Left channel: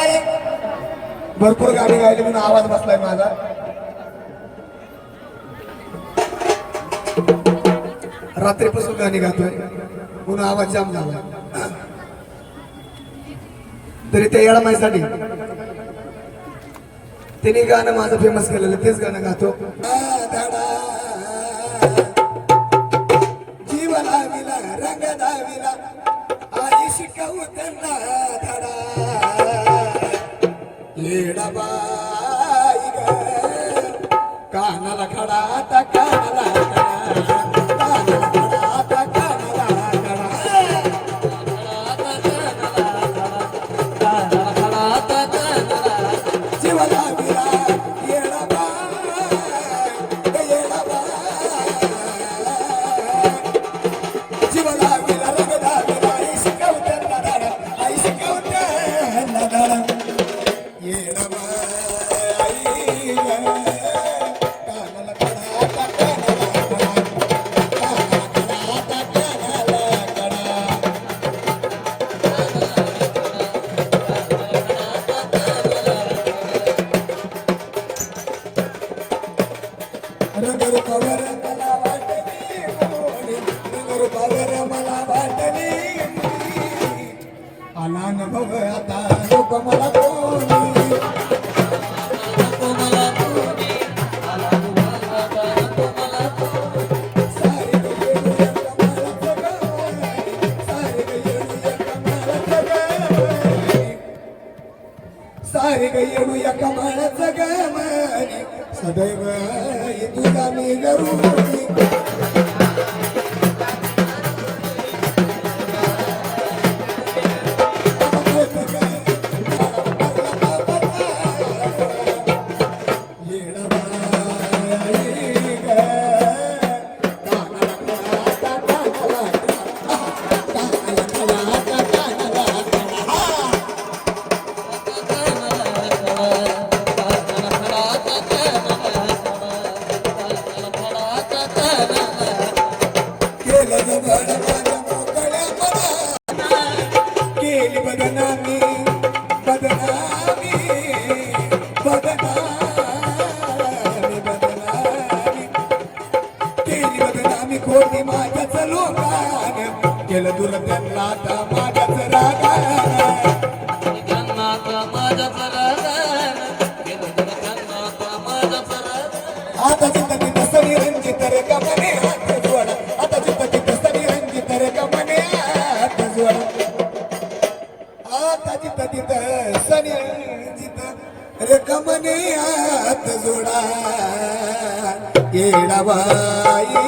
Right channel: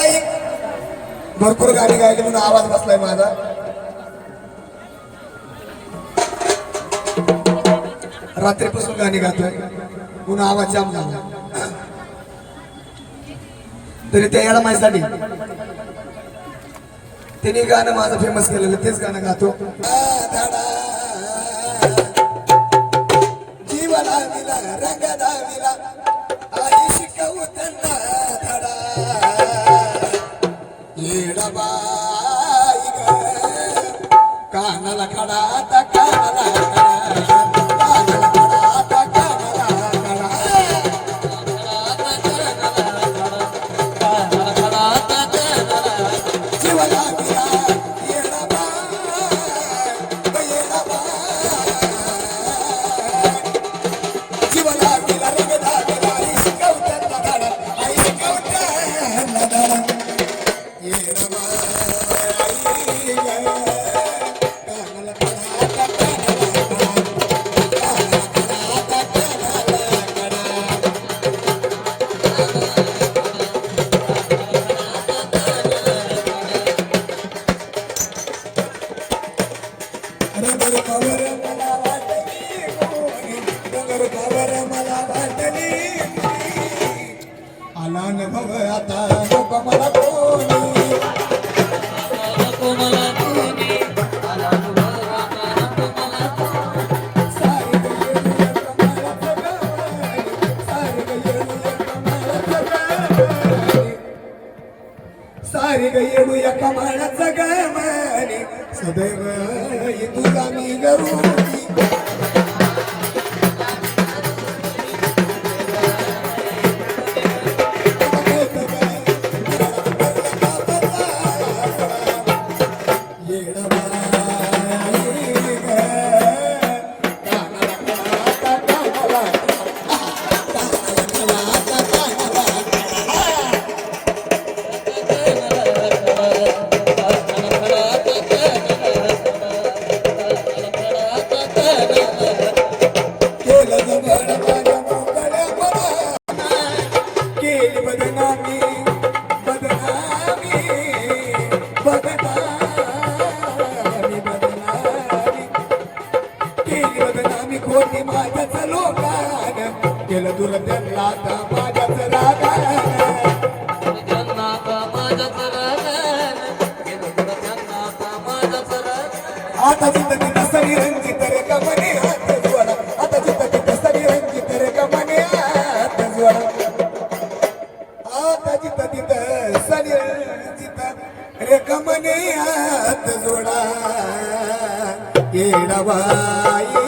बाई. भरपूर गाणी गायली म्हणून आवाज बसलाय माझा. रात्रीपासून गाणी गातोय. म्हणून आवाज जाम झाला तरी त्या येडा माझ्यासाठी त्यांनी गाणं माझं फेमस केलेलं तेच गाणं गातो. जीवना मिला रंग दाविला ಬಾಯಿಗೆ ಕಾಣಲ ಕಡಾತ. सारे ग येडू या कमानाचा गमाने सदैव तुझा मी गरुडी. केलं केलं दूर त्यांना आता माझ्याच रागान. आता जिथं तिथं तसरी रंजित रे कमने हात जोडा. आता जिंदगी तसरी रंजित रे कमने हात जोडा. आता जिंदगी तसरी रंजित रे कमने हात जोडा. येडाबाई